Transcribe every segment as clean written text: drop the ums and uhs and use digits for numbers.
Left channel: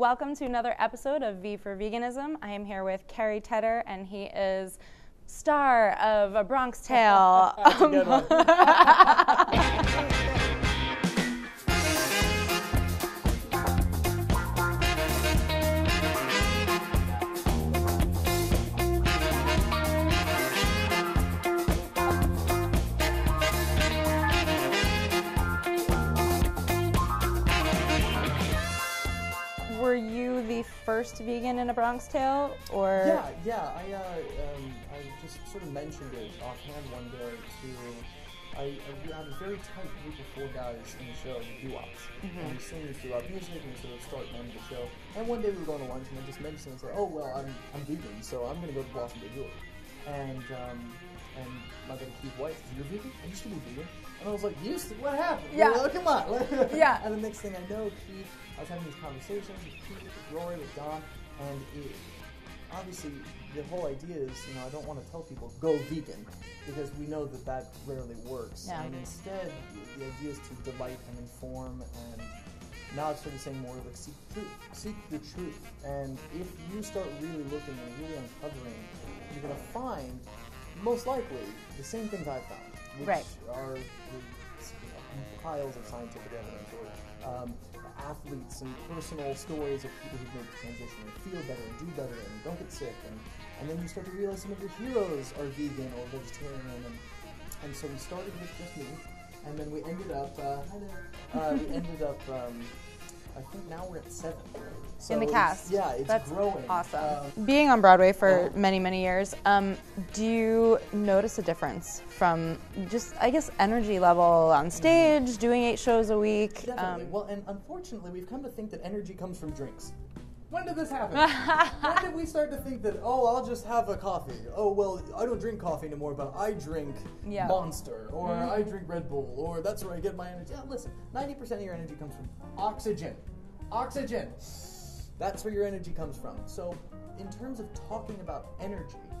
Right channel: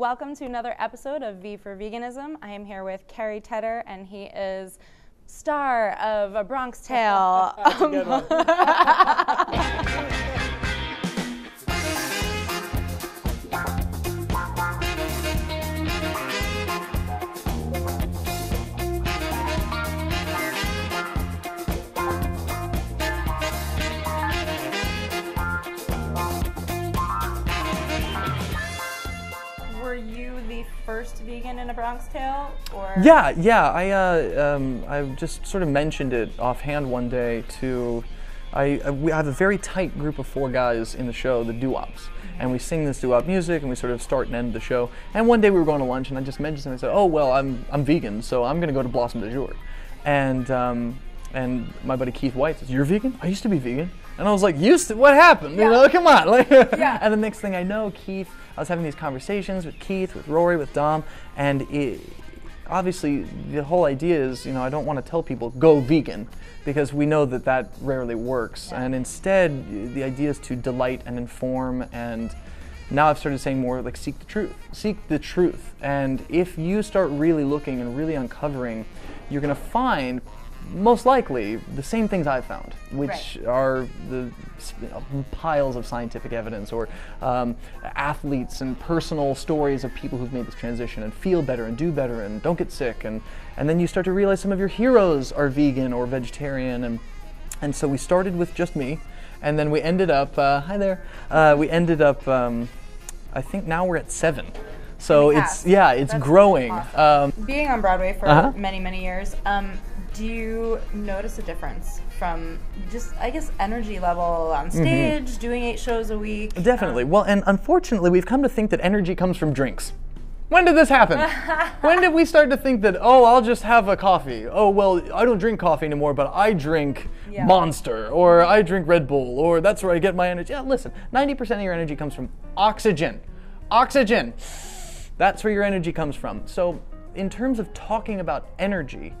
Welcome to another episode of V4 Veganism. I am here with Cary Tedder, and he is star of A Bronx Tale. Were you the first vegan in A Bronx Tale, or? Yeah. I just sort of mentioned it offhand one day to. We have a very tight group of 4 guys in the show, the doo-wops, and we sing this doo-wop music, and we sort of start and end the show. And one day we were going to lunch, and I just mentioned something. I said, "Oh well, I'm vegan, so I'm going to go to Blossom du Jour," and my buddy Keith White says, "You're vegan? I used to be vegan." And I was like, "Used to? What happened? Yeah. You know, come on!" Yeah. And the next thing I know, I was having these conversations with Keith, with Rory, with Dom, and obviously the whole idea is, I don't want to tell people go vegan, because we know that rarely works. Yeah. And instead, the idea is to delight and inform. And now I've started saying more like seek the truth. Seek the truth. And if you start really looking and really uncovering, you're going to find, most likely, the same things I've found, which are the piles of scientific evidence, or athletes and personal stories of people who've made this transition and feel better and do better and don't get sick. And then you start to realize some of your heroes are vegan or vegetarian. And so we started with just me, and then we ended up, hi there, we ended up, I think now we're at 7. So it's That's growing. Awesome. Being on Broadway for many years, do you notice a difference from just, I guess, energy level on stage, doing 8 shows a week? Definitely. Well, and unfortunately, we've come to think that energy comes from drinks. When did this happen? When did we start to think that, oh, I'll just have a coffee? Oh, well, I don't drink coffee anymore, but I drink Monster, or I drink Red Bull, or that's where I get my energy. Yeah, listen, 90% of your energy comes from oxygen. Oxygen. That's where your energy comes from. So in terms of talking about energy,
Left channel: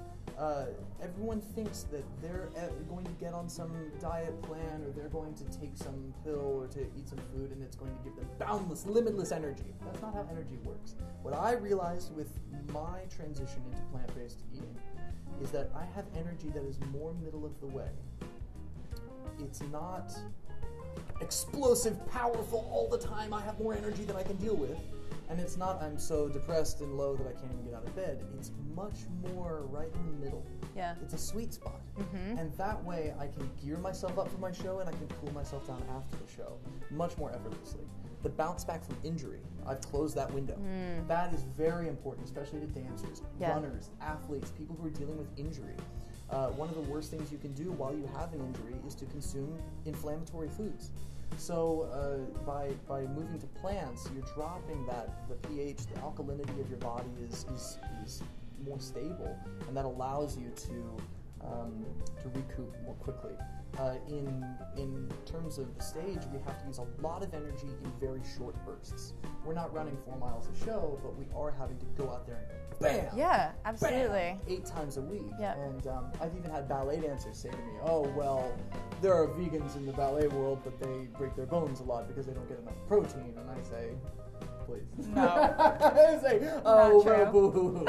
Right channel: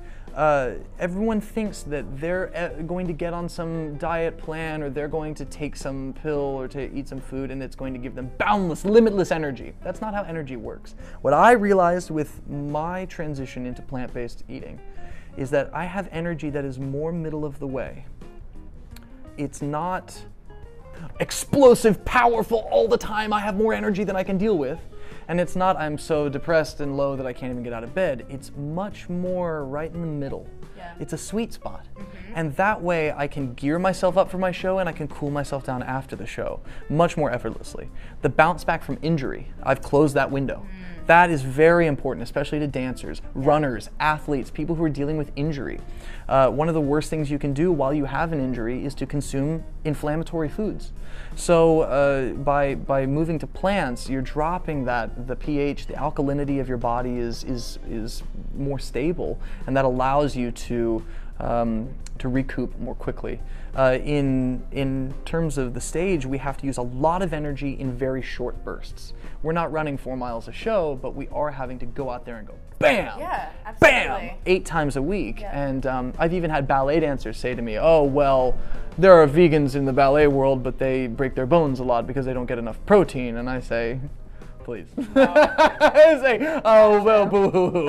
everyone thinks that they're going to get on some diet plan, or they're going to take some pill, or to eat some food, and it's going to give them boundless, limitless energy. That's not how energy works. What I realized with my transition into plant-based eating is that I have energy that is more middle of the way. It's not explosive, powerful all the time. I have more energy than I can deal with. And it's not, I'm so depressed and low that I can't even get out of bed. It's much more right in the middle. Yeah. It's a sweet spot. And that way I can gear myself up for my show, and I can cool myself down after the show much more effortlessly. The bounce back from injury, I've closed that window. That is very important, especially to dancers, runners, athletes, people who are dealing with injury. One of the worst things you can do while you have an injury is to consume inflammatory foods. So by moving to plants, you're dropping the pH, the alkalinity of your body is more stable, and that allows you to recoup more quickly. In terms of the stage, we have to use a lot of energy in very short bursts. We're not running 4 miles a show, but we are having to go out there and go bam, bam, 8 times a week. Yeah. And I've even had ballet dancers say to me, "Oh, well, there are vegans in the ballet world, but they break their bones a lot because they don't get enough protein." And I say, please. I say, oh, well, boo-hoo-hoo.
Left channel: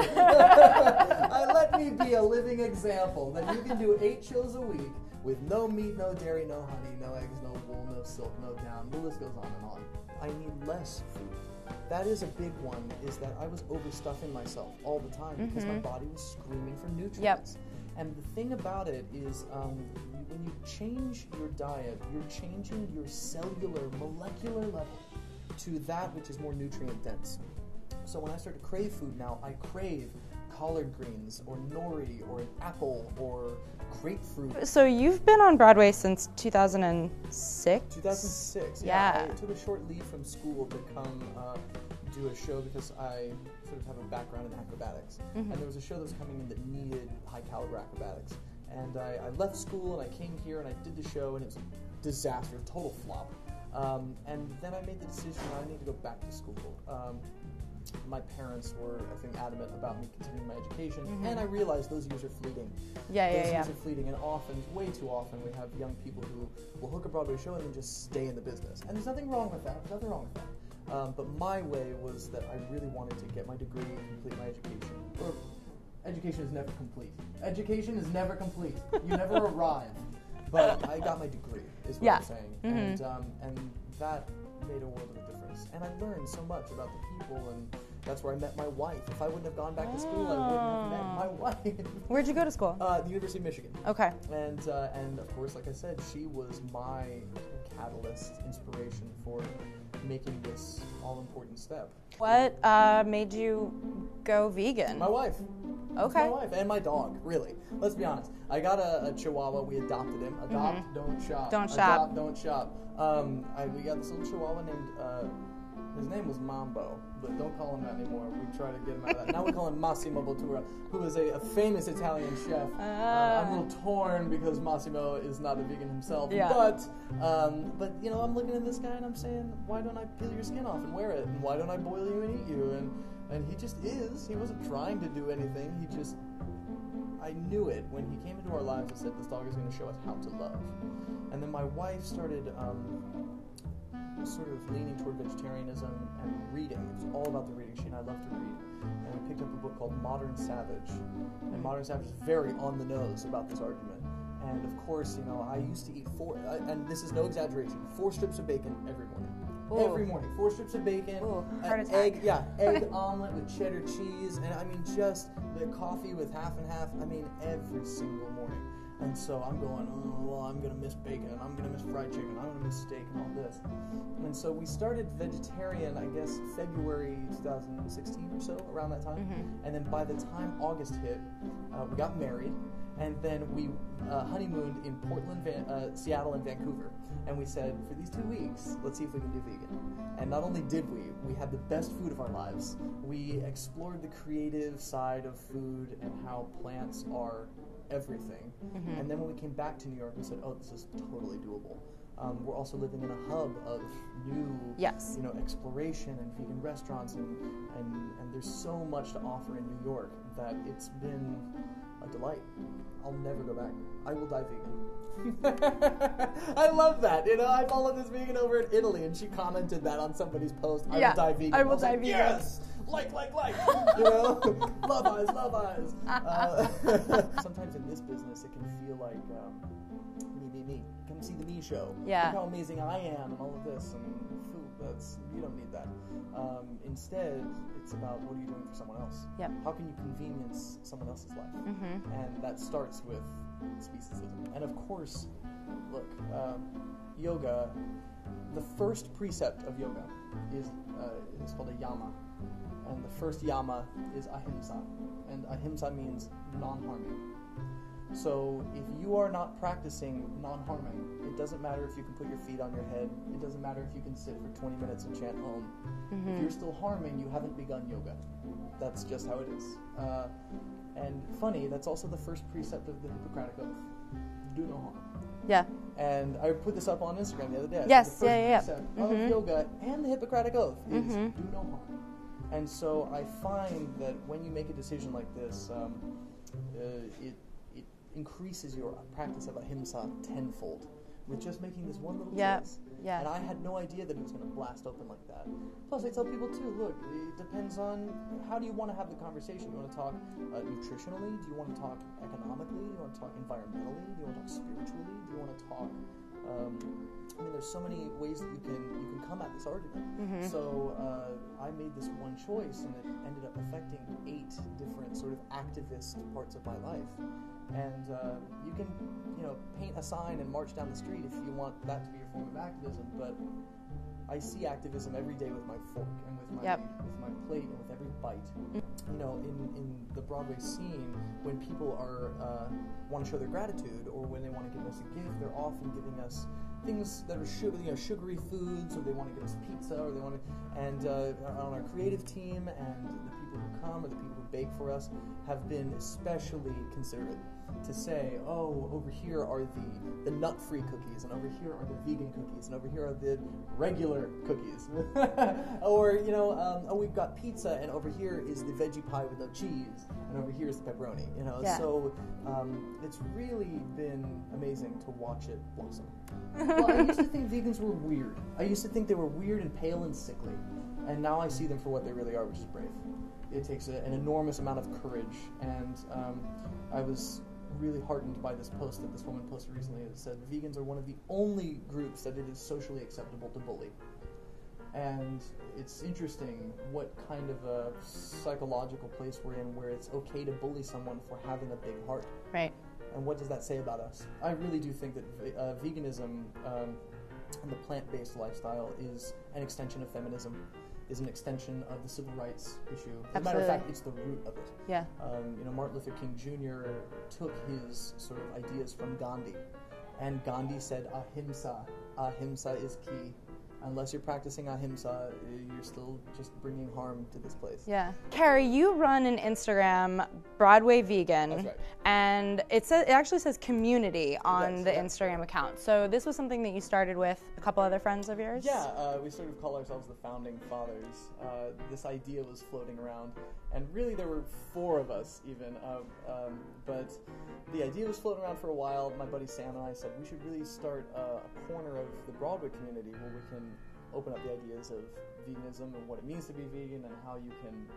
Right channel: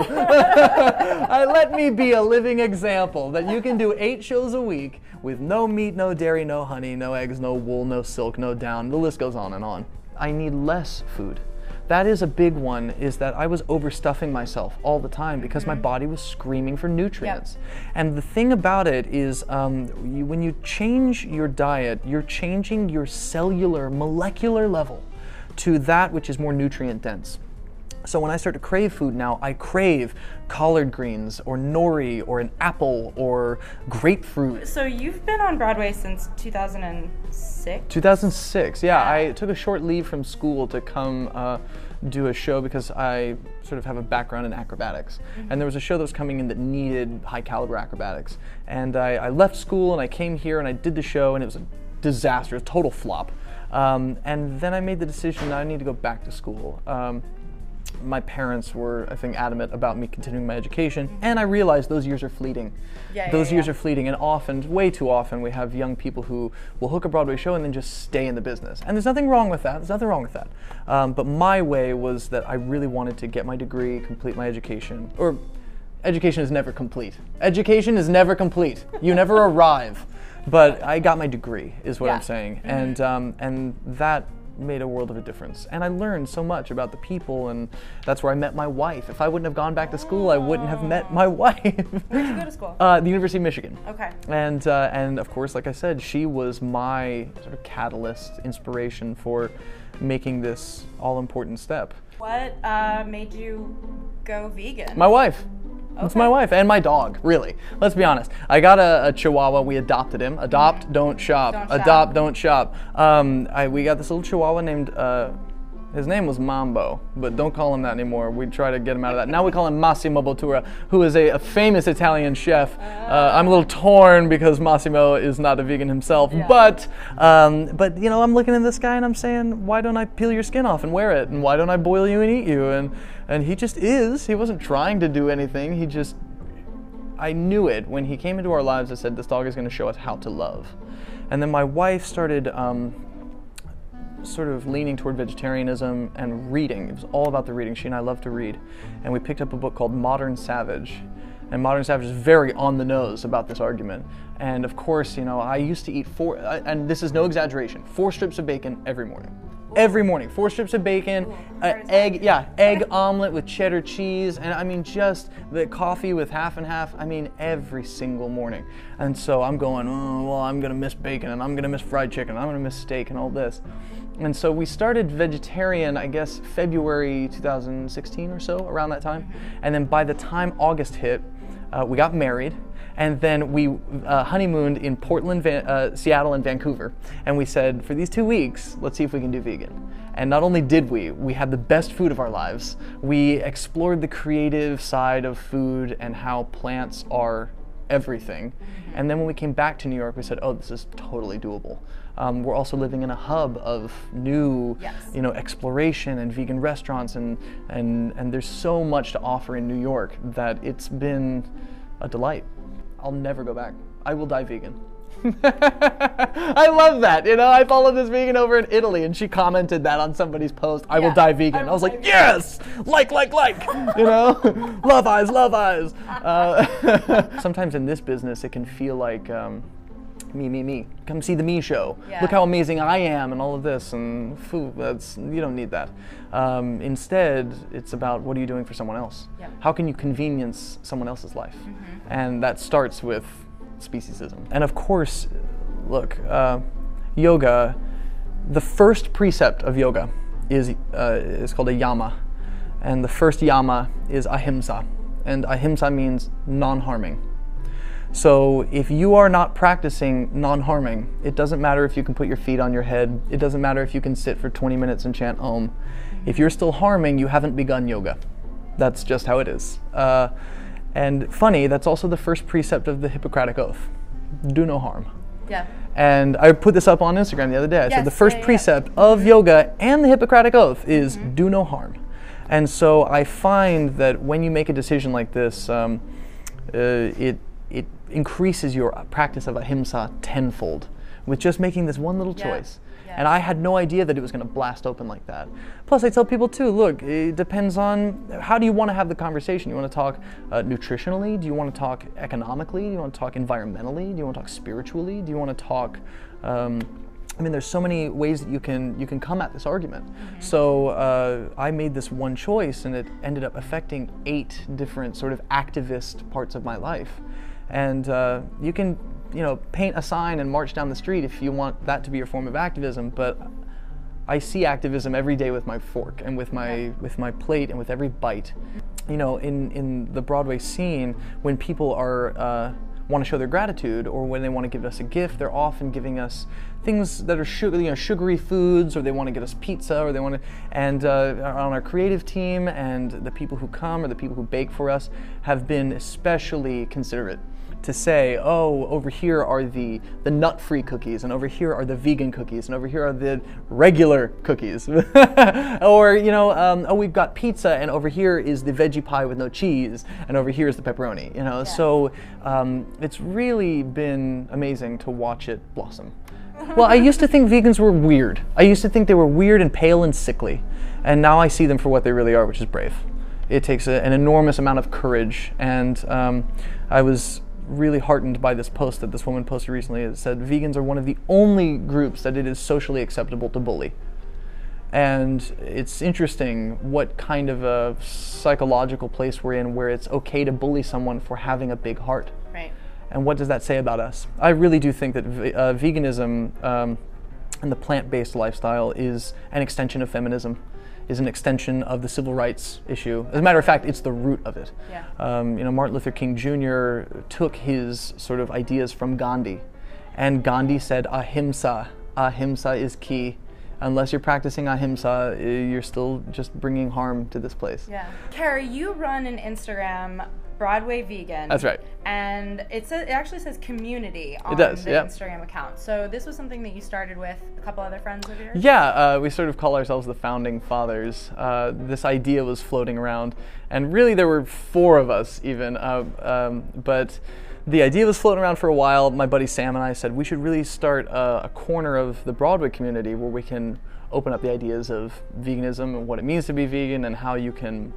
Let me be a living example that you can do 8 shows a week with no meat, no dairy, no honey, no eggs, no wool, no silk, no down. The list goes on and on. I need less food. That is a big one, is that I was overstuffing myself all the time because my body was screaming for nutrients. And the thing about it is when you change your diet, you're changing your cellular, molecular level to that which is more nutrient dense. So when I start to crave food now, I crave collard greens or nori or an apple or grapefruit. So you've been on Broadway since 2006? 2006, yeah. I took a short leave from school to come do a show because I sort of have a background in acrobatics. And there was a show that was coming in that needed high caliber acrobatics. And I left school and I came here and I did the show, and it was a disaster, a total flop. And then I made the decision that I need to go back to school. my parents were, I think, adamant about me continuing my education, and I realized those years are fleeting. Those years are fleeting, and often, way too often, we have young people who will hook a Broadway show and then just stay in the business. And there's nothing wrong with that. There's nothing wrong with that. But my way was that I really wanted to get my degree, complete my education. Or, education is never complete. Education is never complete. You never arrive. But I got my degree, is what I'm saying. And that made a world of a difference. And I learned so much about the people, and that's where I met my wife. If I wouldn't have gone back to school, I wouldn't have met my wife. Where'd you go to school? The University of Michigan. Okay. And of course, like I said, she was my sort of catalyst, inspiration for making this all-important step. What made you go vegan? My wife. It's my wife and my dog, really. Let's be honest. I got a Chihuahua. We adopted him. Adopt, don't shop. Adopt, don't shop. We got this little Chihuahua named, his name was Mambo, but don't call him that anymore. We try to get him out of that. Now we call him Massimo Bottura, who is a famous Italian chef. I'm a little torn because Massimo is not a vegan himself, but you know, I'm looking at this guy and I'm saying, why don't I peel your skin off and wear it? And why don't I boil you and eat you? And he just is. He wasn't trying to do anything. He just, I knew it. When he came into our lives, I said, this dog is going to show us how to love. And then my wife started sort of leaning toward vegetarianism and reading. It was all about the reading. She and I love to read. And we picked up a book called Modern Savage. And Modern Savage is very on the nose about this argument. And of course, you know, I used to eat and this is no exaggeration, 4 strips of bacon every morning. Every morning, 4 strips of bacon, egg omelet with cheddar cheese, and I mean just the coffee with half and half. I mean every single morning. And so I'm going, oh well, I'm gonna miss bacon, and I'm gonna miss fried chicken, and I'm gonna miss steak, and all this. And so we started vegetarian, I guess February 2016 or so, around that time. And then by the time August hit, we got married. And then we honeymooned in Portland, Seattle, and Vancouver. And we said, for these 2 weeks, let's see if we can do vegan. And not only did we had the best food of our lives. We explored the creative side of food and how plants are everything. And then when we came back to New York, we said, oh, this is totally doable. We're also living in a hub of new, you know, exploration and vegan restaurants, and there's so much to offer in New York that it's been a delight. I'll never go back. I will die vegan. I love that. You know, I followed this vegan over in Italy, and she commented that on somebody's post. I will die vegan. I was like, yes, like. You know, love eyes. Sometimes in this business, it can feel like me. Come see the me show. Look how amazing I am, and all of this, and food. You don't need that. Instead, it's about what are you doing for someone else? How can you convenience someone else's life? And that starts with speciesism. And of course, look, yoga, the first precept of yoga is called a yama. And the first yama is ahimsa. And ahimsa means non-harming. So if you are not practicing non-harming, it doesn't matter if you can put your feet on your head. It doesn't matter if you can sit for 20 minutes and chant Om. If you're still harming, you haven't begun yoga. That's just how it is. And funny, that's also the first precept of the Hippocratic Oath. Do no harm. And I put this up on Instagram the other day. I said the first precept of yoga and the Hippocratic Oath is do no harm. And so I find that when you make a decision like this, it increases your practice of ahimsa tenfold with just making this one little choice. And I had no idea that it was going to blast open like that. Plus, I tell people too, look, it depends on how do you want to have the conversation. You want to talk nutritionally? Do you want to talk economically? Do you want to talk environmentally? Do you want to talk spiritually? Do you want to talk I mean, there's so many ways that you can come at this argument. So I made this one choice, and it ended up affecting 8 different sort of activist parts of my life. And you can, you know, paint a sign and march down the street if you want that to be your form of activism. But I see activism every day with my fork and with my plate and with every bite. You know, in the Broadway scene, when people are want to show their gratitude, or when they want to give us a gift, they're often giving us things that are sugary foods, or they want to get us pizza, or they want to, and on our creative team and the people who come or the people who bake for us have been especially considerate. to say, oh, over here are the nut-free cookies, and over here are the vegan cookies, and over here are the regular cookies. Or, you know, oh, we've got pizza, and over here is the veggie pie with no cheese, and over here is the pepperoni, you know. Yeah. So it's really been amazing to watch it blossom. Well, I used to think vegans were weird. I used to think they were weird and pale and sickly, and now I see them for what they really are, which is brave. It takes an enormous amount of courage, and I was really heartened by this post that this woman posted recently. It said, vegans are one of the only groups that it is socially acceptable to bully. And it's interesting what kind of a psychological place we're in where it's okay to bully someone for having a big heart. Right. And what does that say about us? I really do think that veganism and the plant-based lifestyle is an extension of feminism, is an extension of the civil rights issue. As a matter of fact, it's the root of it. Yeah. You know, Martin Luther King Jr. took his sort of ideas from Gandhi, and Gandhi said, ahimsa. Ahimsa is key. Unless you're practicing ahimsa, you're still just bringing harm to this place. Yeah. Cary, you run an Instagram, Broadway Vegan. That's right. And it actually says community on the Instagram account. So this was something that you started with a couple other friends of yours? Yeah, we sort of call ourselves the founding fathers. This idea was floating around, and really there were 4 of us even, but the idea was floating around for a while. My buddy Sam and I said we should really start a corner of the Broadway community where we can open up the ideas of veganism and what it means to be vegan and how you can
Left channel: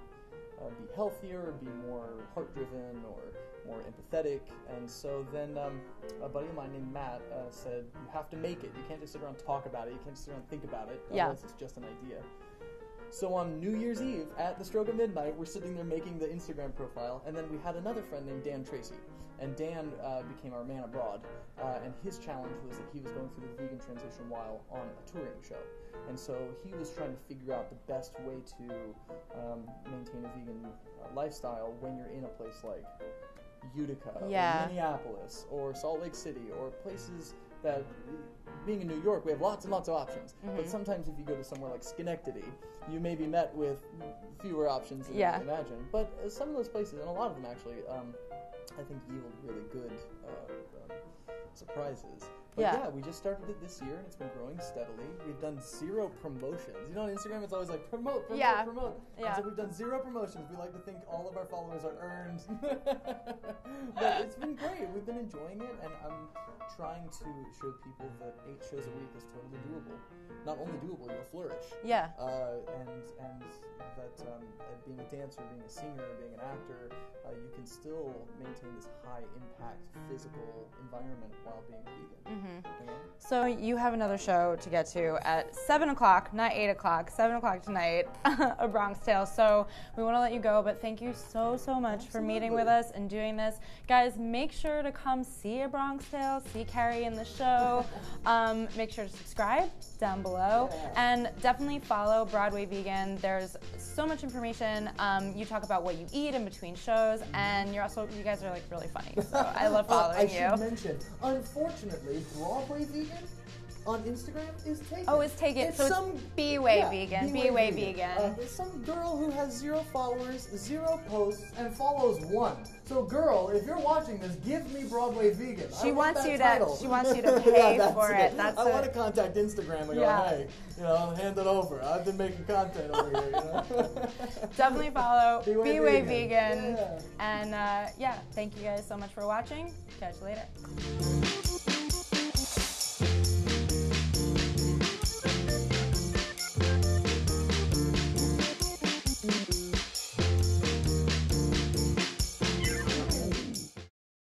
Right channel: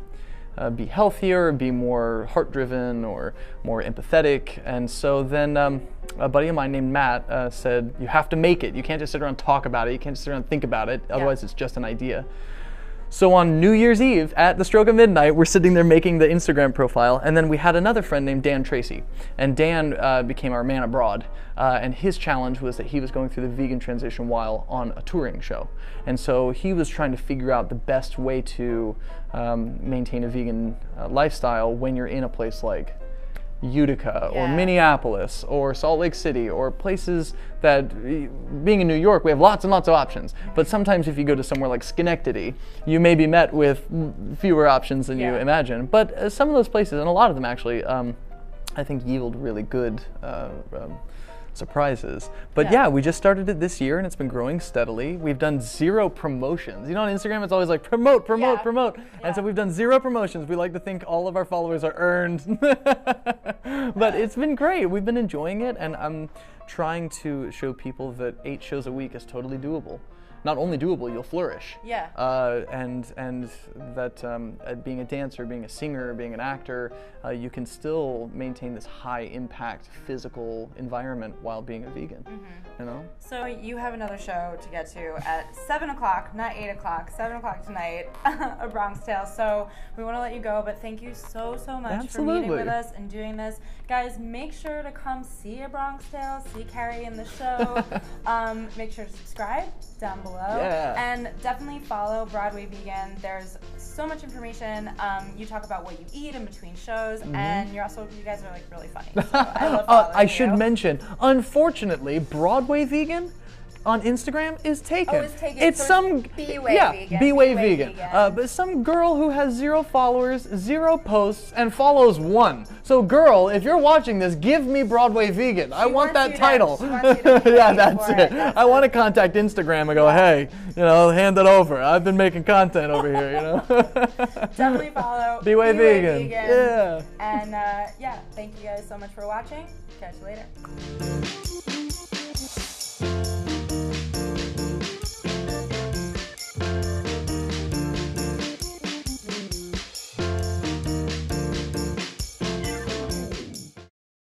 be healthier, be more heart-driven or more empathetic. And so then a buddy of mine named Matt said, you have to make it. You can't just sit around and talk about it. You can't just sit around and think about it. Otherwise it's just an idea. So on New Year's Eve at the stroke of midnight, we're sitting there making the Instagram profile, and then we had another friend named Dan Tracy. And Dan became our man abroad, and his challenge was that he was going through the vegan transition while on a touring show. And so he was trying to figure out the best way to maintain a vegan lifestyle when you're in a place like Utica or Minneapolis or Salt Lake City or places that, being in New York, we have lots and lots of options. But sometimes if you go to somewhere like Schenectady, you may be met with fewer options than you imagine. But some of those places, and a lot of them actually, I think yield really good surprises. But yeah, we just started it this year and it's been growing steadily. We've done 0 promotions. You know, on Instagram it's always like promote, promote, promote. And so we've done 0 promotions. We like to think all of our followers are earned. But it's been great. We've been enjoying it, and I'm trying to show people that 8 shows a week is totally doable. Not only doable, you'll flourish. Yeah. And that being a dancer, being a singer, being an actor, you can still maintain this high impact physical environment while being a vegan. You know? So you have another show to get to at 7 o'clock, not 8 o'clock, 7 o'clock tonight, A Bronx Tale. So we want to let you go, but thank you so much for meeting with us and doing this. Guys, make sure to come see A Bronx Tale, see Cary in the show. Make sure to subscribe down below. And definitely follow Broadway Vegan. There's so much information. You talk about what you eat in between shows, and you guys are like really funny. So I love following I should mention, unfortunately, Broadway Vegan on Instagram is taken. Oh, it's taken. It's so some Vegan. B-Way Vegan. But some girl who has 0 followers, 0 posts, and follows 1. So, girl, if you're watching this, give me Broadway Vegan. I want that title. She wants you to that's it. I want to contact Instagram and go, hey, you know, hand it over. I've been making content over here, you know. Definitely follow B-Way Vegan. Yeah. And thank you guys so much for watching. Catch you later.